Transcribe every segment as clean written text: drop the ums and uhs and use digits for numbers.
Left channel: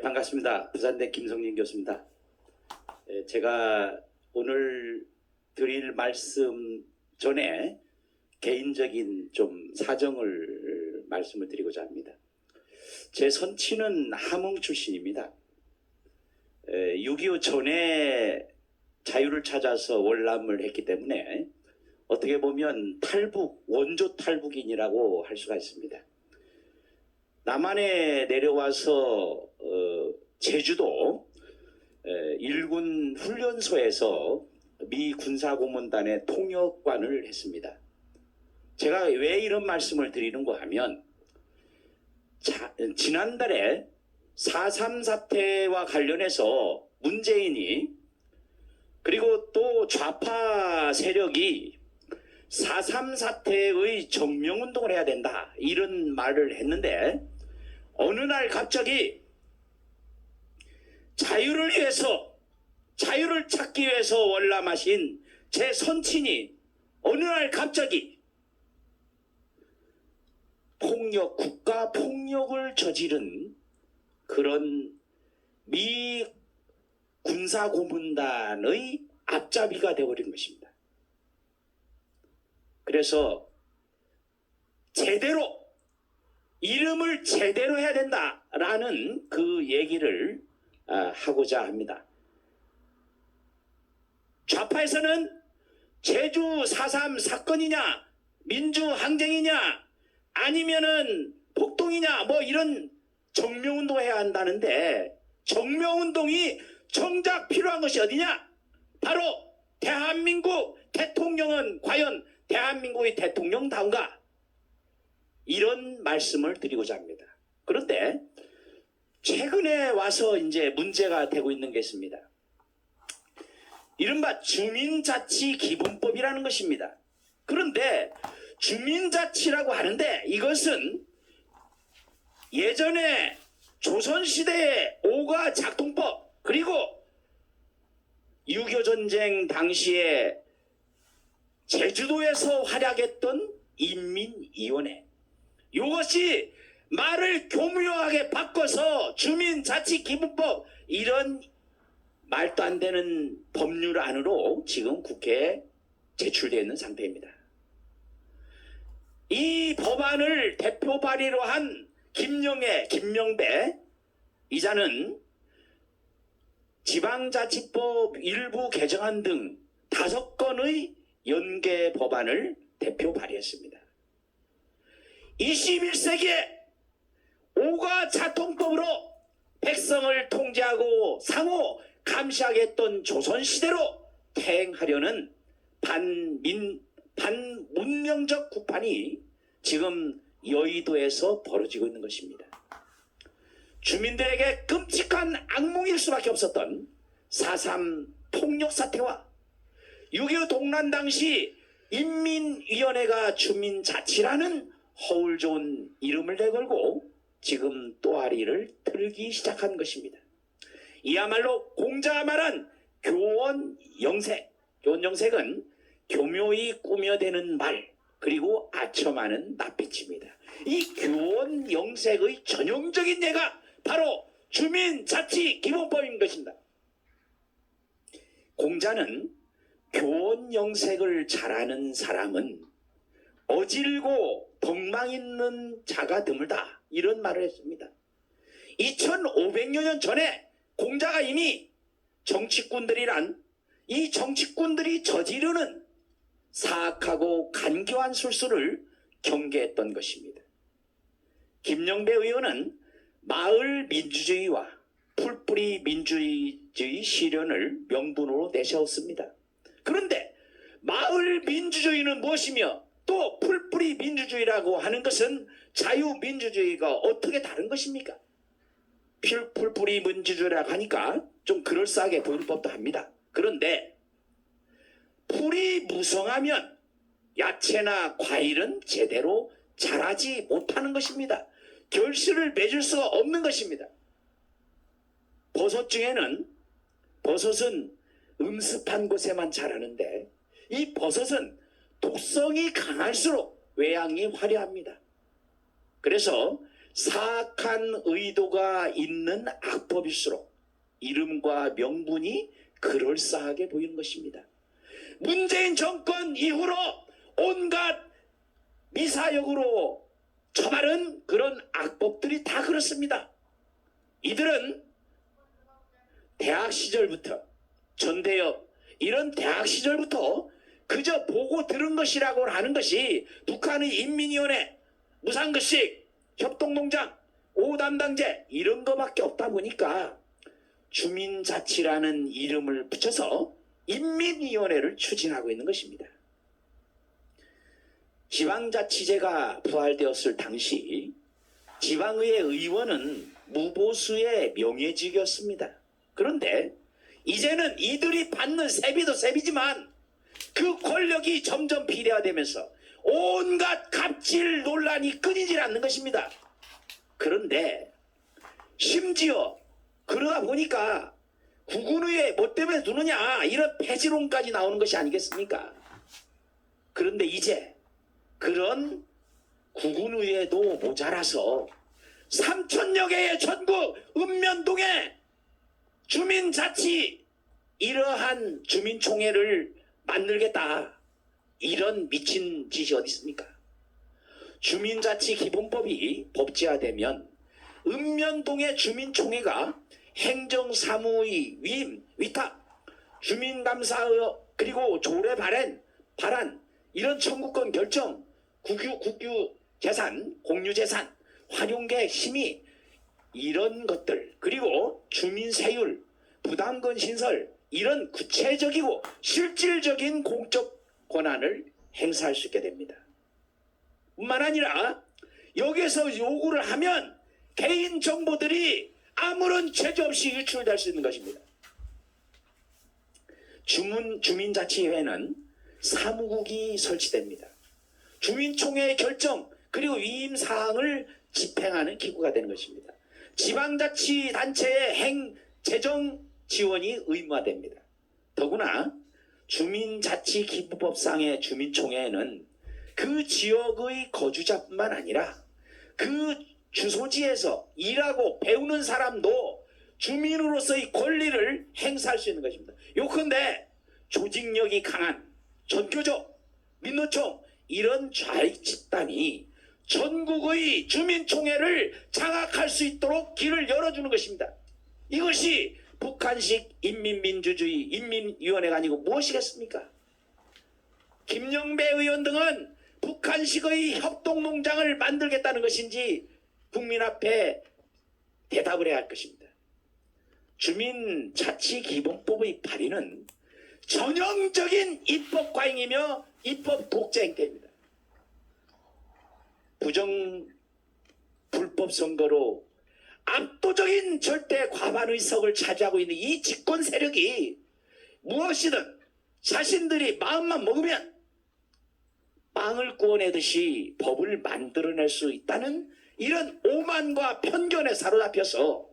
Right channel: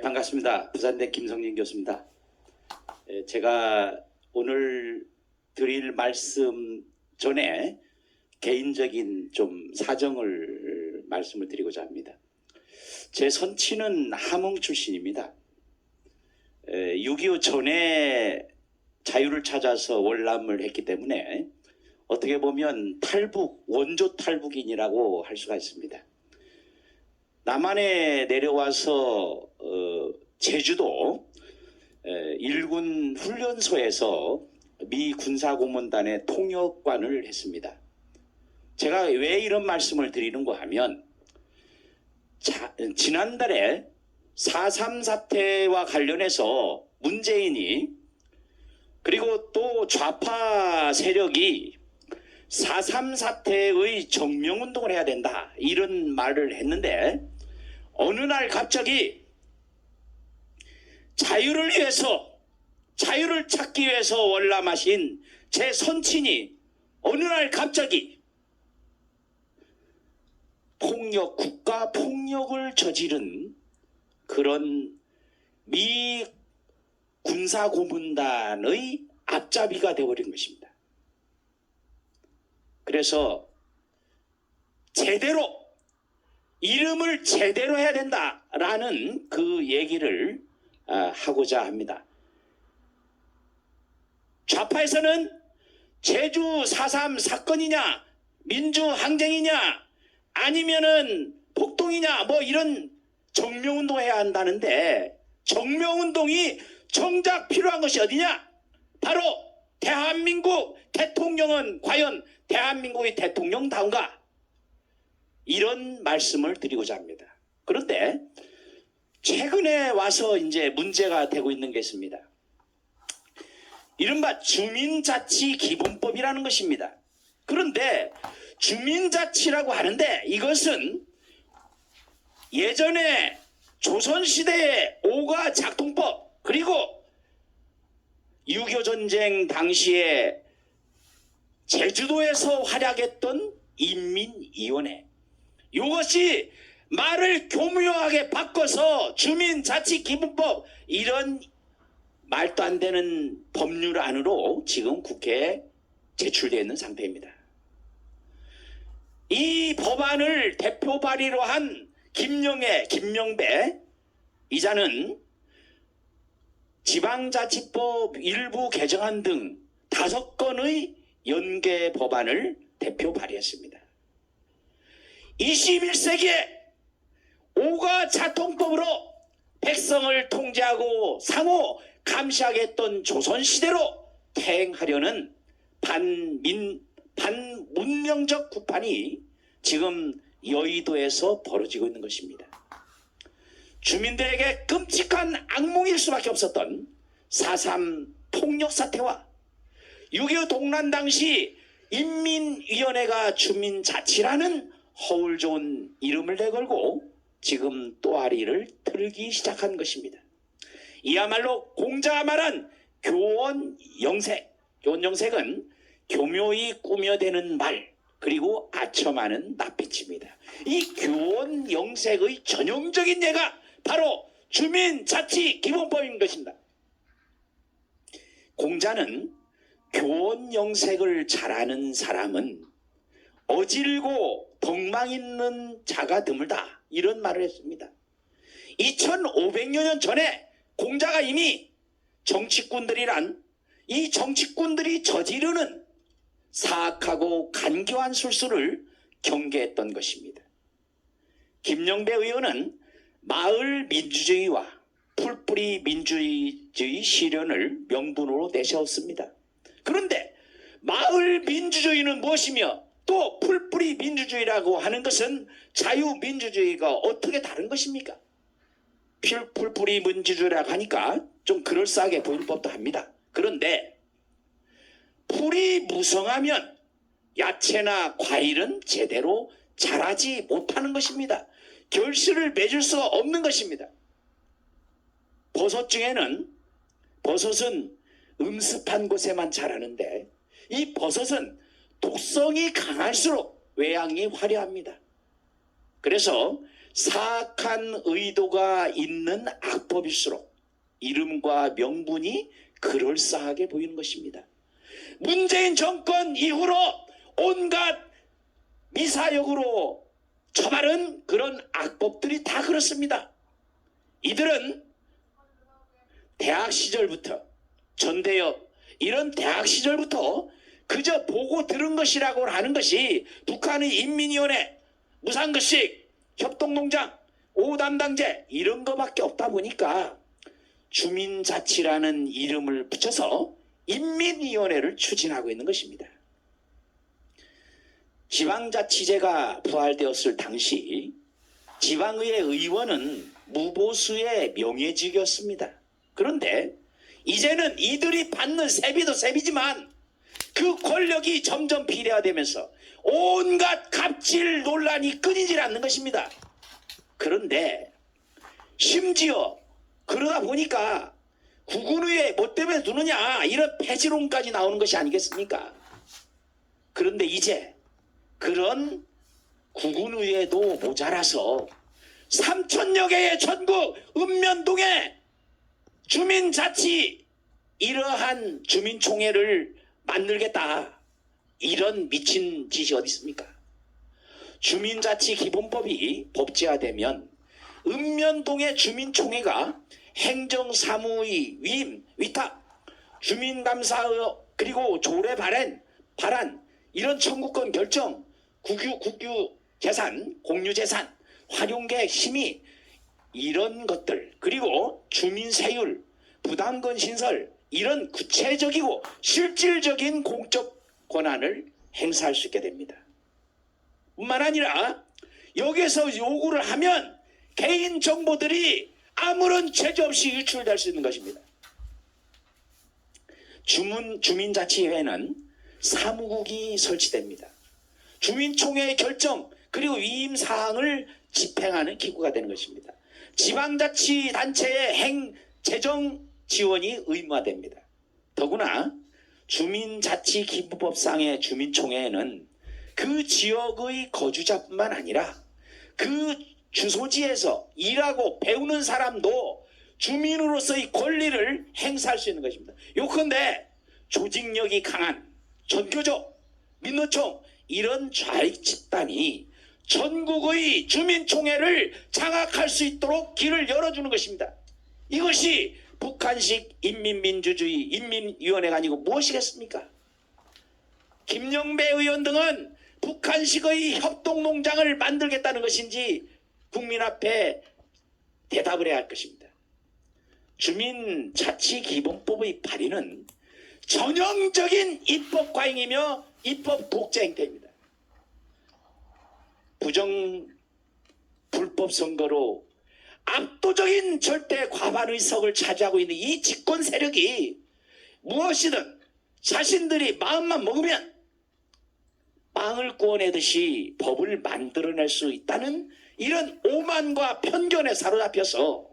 반갑습니다. 부산대 김성진 교수입니다. 제가 오늘 드릴 말씀 전에 개인적인 좀 사정을 말씀을 드리고자 합니다. 제 선친은 함흥 출신입니다. 6.25 전에 자유를 찾아서 월남을 했기 때문에 어떻게 보면 탈북, 원조 탈북인이라고 할 수가 있습니다. 남한에 내려와서 제주도 일군 훈련소에서 미 군사고문단의 통역관을 했습니다. 제가 왜 이런 말씀을 드리는가 하면 지난달에 4.3 사태와 관련해서 문재인이 그리고 또 좌파 세력이 4.3 사태의 정명운동을 해야 된다 이런 말을 했는데 어느 날 갑자기 자유를 위해서 자유를 찾기 위해서 월남하신 제 선친이 어느 날 갑자기 폭력, 국가 폭력을 저지른 그런 미 군사고문단의 앞잡이가 되어버린 것입니다. 그래서 제대로 이름을 제대로 해야 된다라는 그 얘기를 하고자 합니다. 좌파에서는 제주 4.3 사건이냐 민주항쟁이냐 아니면은 폭동이냐 뭐 이런 정명운동 해야 한다는데 정명운동이 정작 필요한 것이 어디냐? 바로 대한민국 대통령은 과연 대한민국의 대통령다운가? 이런 말씀을 드리고자 합니다. 그런데 최근에 와서 이제 문제가 되고 있는 게 있습니다. 이른바 주민자치기본법이라는 것입니다. 그런데 주민자치라고 하는데 이것은 예전에 조선시대의 오가 작동법 그리고 6.25 전쟁 당시에 제주도에서 활약했던 인민위원회 이것이 말을 교묘하게 바꿔서 주민자치기본법 이런 말도 안 되는 법률 안으로 지금 국회에 제출되어 있는 상태입니다. 이 법안을 대표 발의로 한 김명배 이자는 지방자치법 일부 개정안 등 5건의 연계 법안을 대표 발의했습니다. 21세기에 오가 자통법으로 백성을 통제하고 상호 감시하겠던 조선시대로 퇴행하려는 반문명적 구판이 지금 여의도에서 벌어지고 있는 것입니다. 주민들에게 끔찍한 악몽일 수밖에 없었던 4.3 폭력 사태와 6.25 동란 당시 인민위원회가 주민자치라는 허울 좋은 이름을 내걸고 지금 또아리를 틀기 시작한 것입니다. 이야말로 공자가 말한 교원영색은 교묘히 꾸며대는 말 그리고 아첨하는 낯빛입니다. 이 교원영색의 전형적인 예가 바로 주민자치기본법인 것입니다. 공자는 교원영색을 잘하는 사람은 어질고 덕망 있는 자가 드물다 이런 말을 했습니다. 2500여 년 전에 공자가 이미 정치꾼들이란 이 정치꾼들이 저지르는 사악하고 간교한 술수를 경계했던 것입니다. 김영배 의원은 마을 민주주의와 풀뿌리 민주주의 실현을 명분으로 내세웠습니다. 그런데 마을 민주주의는 무엇이며 또 풀뿌리 민주주의라고 하는 것은 자유민주주의가 어떻게 다른 것입니까? 풀뿌리 민주주의라고 하니까 좀 그럴싸하게 보일 법도 합니다. 그런데 풀이 무성하면 야채나 과일은 제대로 자라지 못하는 것입니다. 결실을 맺을 수가 없는 것입니다. 버섯 중에는 버섯은 음습한 곳에만 자라는데 이 버섯은 독성이 강할수록 외양이 화려합니다. 그래서 사악한 의도가 있는 악법일수록 이름과 명분이 그럴싸하게 보이는 것입니다. 문재인 정권 이후로 온갖 미사역으로 처벌은 그런 악법들이 다 그렇습니다. 이들은 대학 시절부터 전대협 이런 대학 시절부터 그저 보고 들은 것이라고 하는 것이 북한의 인민위원회, 무상급식, 협동농장, 5담당제 이런 거밖에 없다 보니까 주민자치라는 이름을 붙여서 인민위원회를 추진하고 있는 것입니다. 지방자치제가 부활되었을 당시 지방의회 의원은 무보수의 명예직이었습니다. 그런데 이제는 이들이 받는 세비도 세비지만 그 권력이 점점 비례화되면서 온갖 갑질 논란이 끊이질 않는 것입니다. 그런데 심지어 그러다 보니까 국군의회 뭐 때문에 두느냐 이런 폐지론까지 나오는 것이 아니겠습니까? 그런데 이제 그런 국군의회도 모자라서 3,000여 개의 전국 읍면동에 주민자치 이러한 주민총회를 만들겠다. 이런 미친 짓이 어디 있습니까? 주민자치 기본법이 법제화되면 읍면동의 주민총회가 행정사무의 위임, 위탁, 주민감사 그리고 조례 발안 이런 청구권 결정, 국유 재산, 공유 재산, 활용계획 심의 이런 것들 그리고 주민세율, 부담금 신설 이런 구체적이고 실질적인 공적 권한을 행사할 수 있게 됩니다. 뿐만 아니라 여기서 요구를 하면 개인 정보들이 아무런 제재 없이 유출될 수 있는 것입니다. 주민자치회는 사무국이 설치됩니다. 주민총회의 결정 그리고 위임 사항을 집행하는 기구가 되는 것입니다. 지방자치단체의 재정 지원이 의무화됩니다. 더구나 주민자치기부법상의 주민총회에는 그 지역의 거주자뿐만 아니라 그 주소지에서 일하고 배우는 사람도 주민으로서의 권리를 행사할 수 있는 것입니다. 요컨대 조직력이 강한 전교조, 민노총 이런 좌익 집단이 전국의 주민총회를 장악할 수 있도록 길을 열어주는 것입니다. 이것이 북한식 인민민주주의 인민위원회가 아니고 무엇이겠습니까? 김영배 의원 등은 북한식의 협동농장을 만들겠다는 것인지 국민 앞에 대답을 해야 할 것입니다. 주민자치기본법의 발의는 전형적인 입법 과잉이며 입법 독재 행태입니다. 불법 선거로 압도적인 절대 과반 의석을 차지하고 있는 이 집권 세력이 무엇이든 자신들이 마음만 먹으면 빵을 구워내듯이 법을 만들어낼 수 있다는 이런 오만과 편견에 사로잡혀서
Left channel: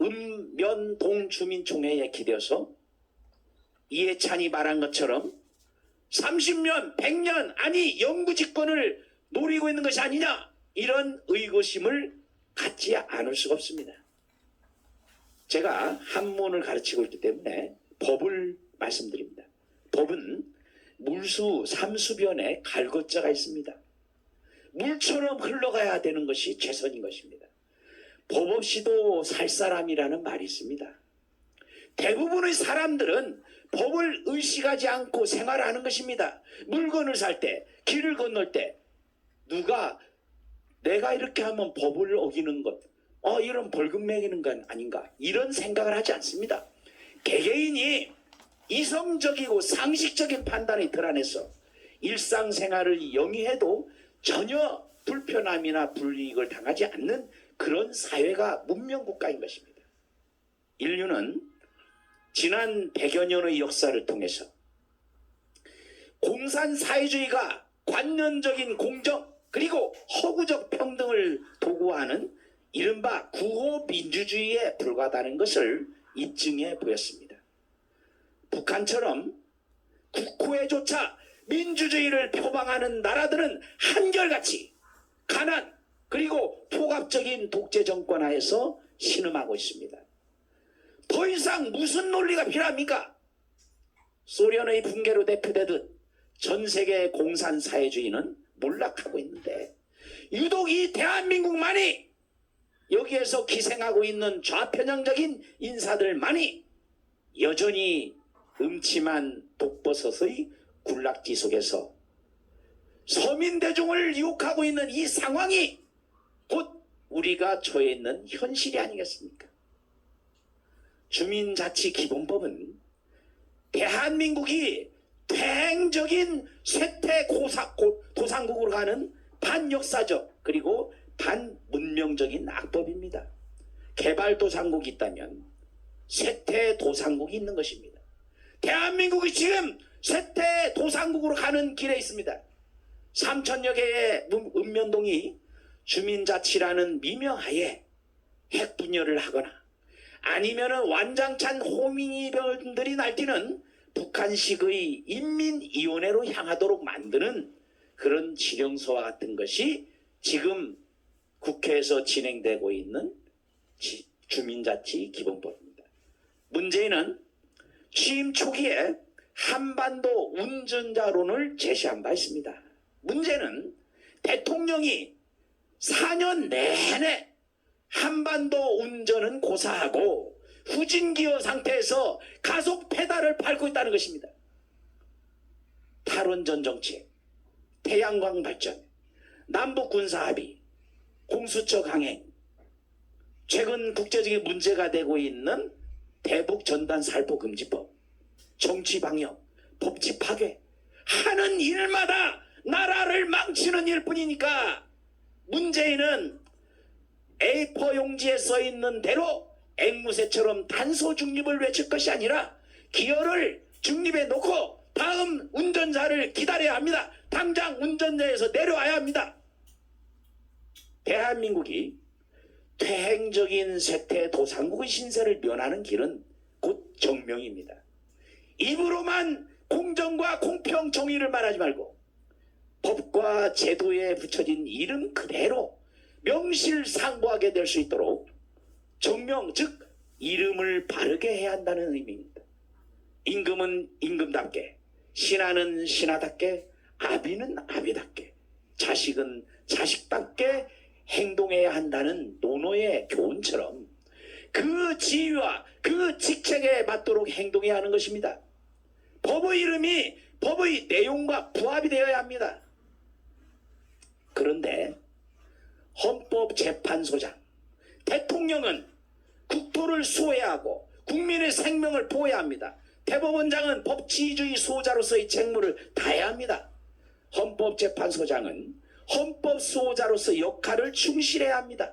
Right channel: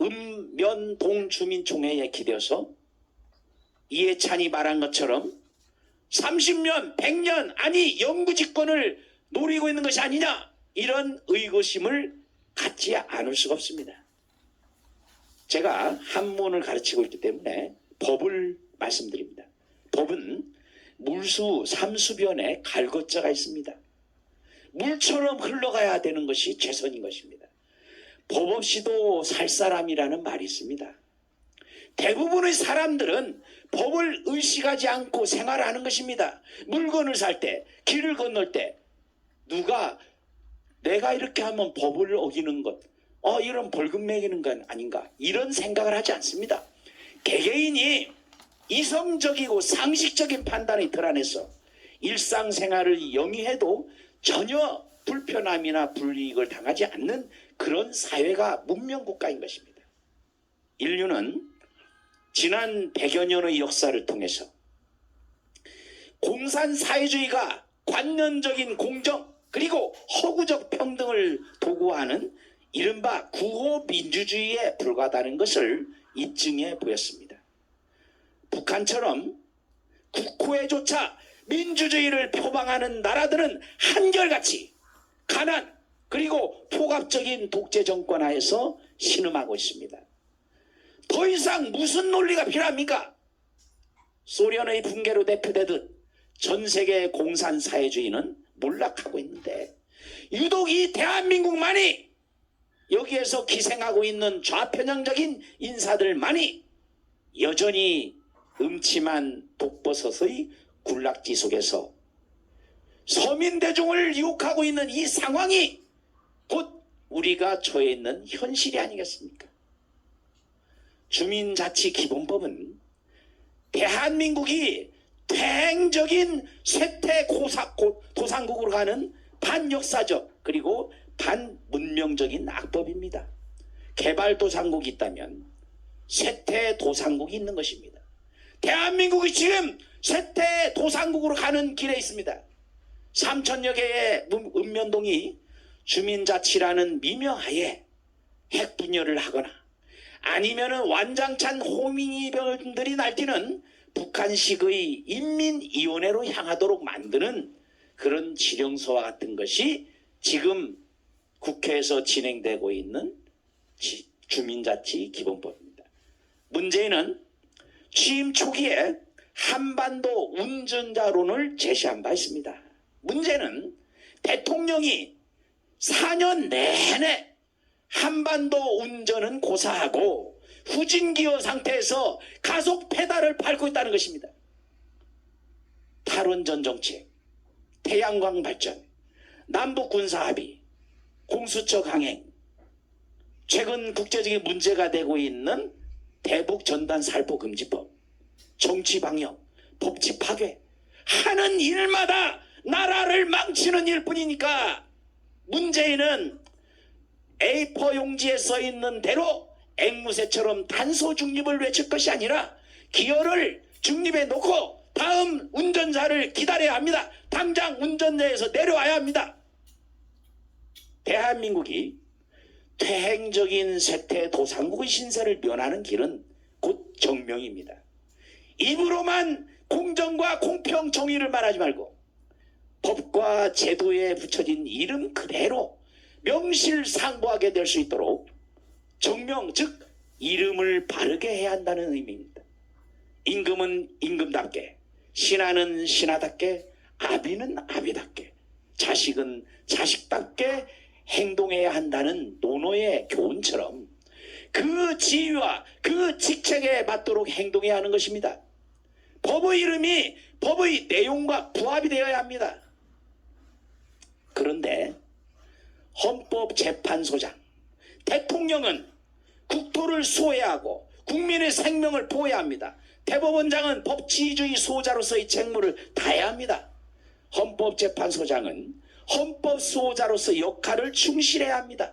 읍면동 주민총회에 기대어서 이해찬이 말한 것처럼 30년, 100년 아니 영구집권을 노리고 있는 것이 아니냐 이런 의구심을 갖지 않을 수가 없습니다. 제가 한문을 가르치고 있기 때문에 법을 말씀드립니다. 법은 물수 삼수변에 갈것자가 있습니다. 물처럼 흘러가야 되는 것이 최선인 것입니다. 법 없이도 살 사람이라는 말이 있습니다. 대부분의 사람들은 법을 의식하지 않고 생활하는 것입니다. 물건을 살 때, 길을 건널 때 누가 내가 이렇게 하면 법을 어기는 것, 이런 벌금 매기는 건 아닌가 이런 생각을 하지 않습니다. 개개인이 이성적이고 상식적인 판단이 드러내서 일상생활을 영위해도 전혀 불편함이나 불이익을 당하지 않는 그런 사회가 문명국가인 것입니다. 인류는 지난 100여 년의 역사를 통해서 공산사회주의가 관념적인 공정 그리고 허구적 평등을 도구화하는 이른바 구호민주주의에 불과하다는 것을 입증해 보였습니다. 북한처럼 국호에조차 민주주의를 표방하는 나라들은 한결같이 가난 그리고 포갑적인 독재 정권 하에서 신음하고 있습니다. 더 이상 무슨 논리가 필요합니까? 소련의 붕괴로 대표되듯 전 세계 공산 사회주의는 몰락하고 있는데 유독 이 대한민국만이 여기에서 기생하고 있는 좌편향적인 인사들만이 여전히 음침한 독버섯의 굴락지 속에서 서민 대중을 유혹하고 있는 이 상황이 곧 우리가 처해 있는 현실이 아니겠습니까? 주민자치기본법은 대한민국이 퇴행적인 쇠퇴 도상국으로 가는 반역사적 그리고 반문명적인 악법입니다. 개발도상국이 있다면 쇠퇴도상국이 있는 것입니다. 대한민국이 지금 쇠퇴도상국으로 가는 길에 있습니다. 3천여 개의 읍면동이 주민자치라는 미명하에 핵분열을 하거나 아니면은 완장찬 호미니병들이 날뛰는 북한식의 인민위원회로 향하도록 만드는 그런 지령서와 같은 것이 지금 국회에서 진행되고 있는 주민자치 기본법입니다. 문재인은 취임 초기에 한반도 운전자론을 제시한 바 있습니다. 문제는 대통령이 4년 내내 한반도 운전은 고사하고 후진기어 상태에서 가속 페달을 밟고 있다는 것입니다. 탈원전 정책, 태양광 발전, 남북 군사 합의, 공수처 강행, 최근 국제적인 문제가 되고 있는 대북 전단 살포 금지법, 정치 방역, 법치 파괴 하는 일마다 나라를 망치는 일뿐이니까 문재인은 A4 용지에 써 있는 대로 앵무새처럼 단소 중립을 외칠 것이 아니라 기어를 중립에 놓고 다음 운전자를 기다려야 합니다. 당장 운전자에서 내려와야 합니다. 대한민국이 퇴행적인 쇠퇴 도상국의 신세를 면하는 길은 곧 정명입니다. 입으로만 공정과 공평 정의를 말하지 말고 법과 제도에 붙여진 이름 그대로 명실상부하게 될 수 있도록 정명, 즉 이름을 바르게 해야 한다는 의미입니다. 임금은 임금답게, 신하는 신하답게, 아비는 아비답게, 자식은 자식답게 행동해야 한다는 노노의 교훈처럼 그 지위와 그 직책에 맞도록 행동해야 하는 것입니다. 법의 이름이 법의 내용과 부합이 되어야 합니다. 그런데 헌법재판소장, 대통령은 국토를 수호해야 하고 국민의 생명을 보호해야 합니다. 대법원장은 법치주의 수호자로서의 책무를 다해야 합니다. 헌법재판소장은 헌법 수호자로서 역할을 충실해야 합니다.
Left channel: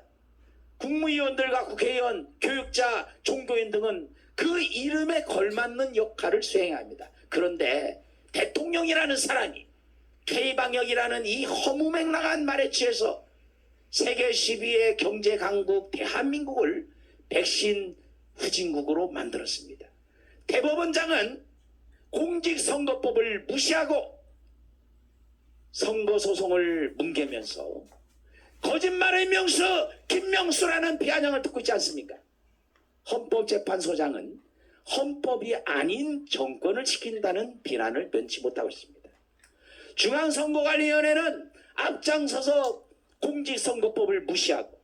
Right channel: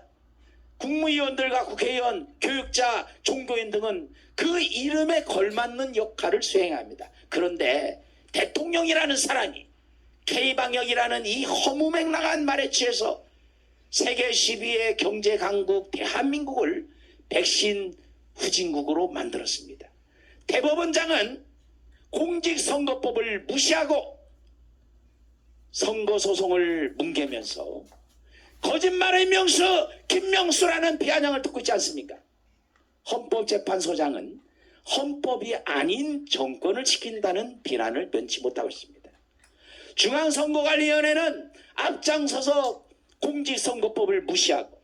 국무위원들과 국회의원, 교육자, 종교인 등은 그 이름에 걸맞는 역할을 수행해야 합니다. 그런데 대통령이라는 사람이 K방역이라는 이 허무맹랑한 말에 취해서 세계 12의 경제 강국 대한민국을 백신 후진국으로 만들었습니다. 대법원장은 공직선거법을 무시하고 선거소송을 뭉개면서 거짓말의 명수 김명수라는 비아냥을 듣고 있지 않습니까? 헌법재판소장은 헌법이 아닌 정권을 지킨다는 비난을 면치 못하고 있습니다. 중앙선거관리위원회는 앞장서서 공직선거법을 무시하고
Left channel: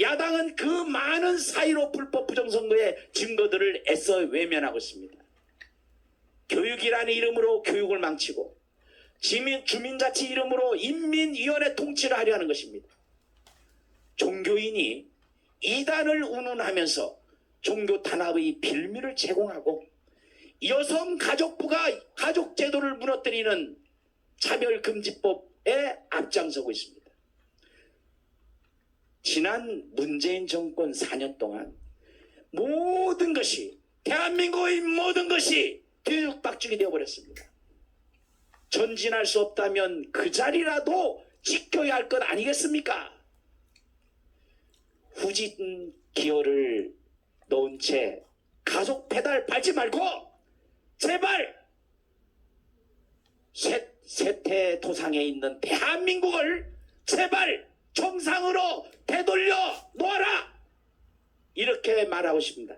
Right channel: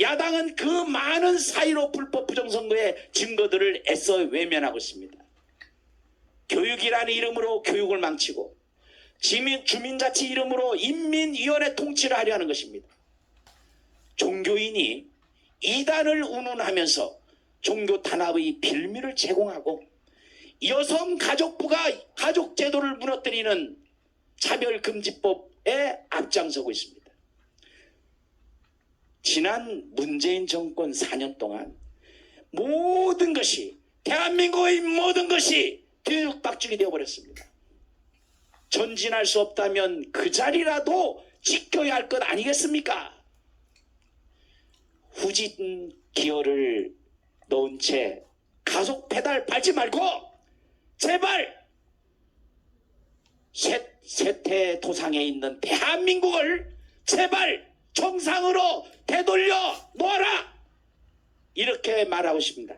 야당은 그 많은 사이로 불법 부정선거의 증거들을 애써 외면하고 있습니다. 교육이라는 이름으로 교육을 망치고 주민자치 이름으로 인민위원회 통치를 하려 하는 것입니다. 종교인이 이단을 운운하면서 종교 탄압의 빌미를 제공하고 여성가족부가 가족제도를 무너뜨리는 차별금지법에 앞장서고 있습니다. 지난 문재인 정권 4년 동안 모든 것이 대한민국의 모든 것이 뒤죽박죽이 되어버렸습니다. 전진할 수 없다면 그 자리라도 지켜야 할 것 아니겠습니까? 후진 기어를 넣은 채 가속 페달 밟지 말고 제발 쇠퇴 도상에 있는 대한민국을 제발 정상으로 되돌려 놓아라. 이렇게 말하고 싶습니다.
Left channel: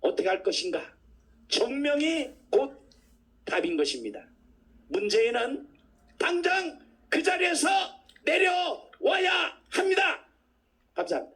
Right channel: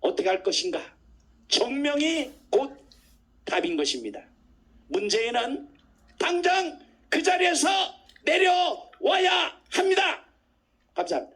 어떻게 할 것인가? 정명이 곧 답인 것입니다. 문재인은 당장 그 자리에서 내려와야 합니다. 감사합니다.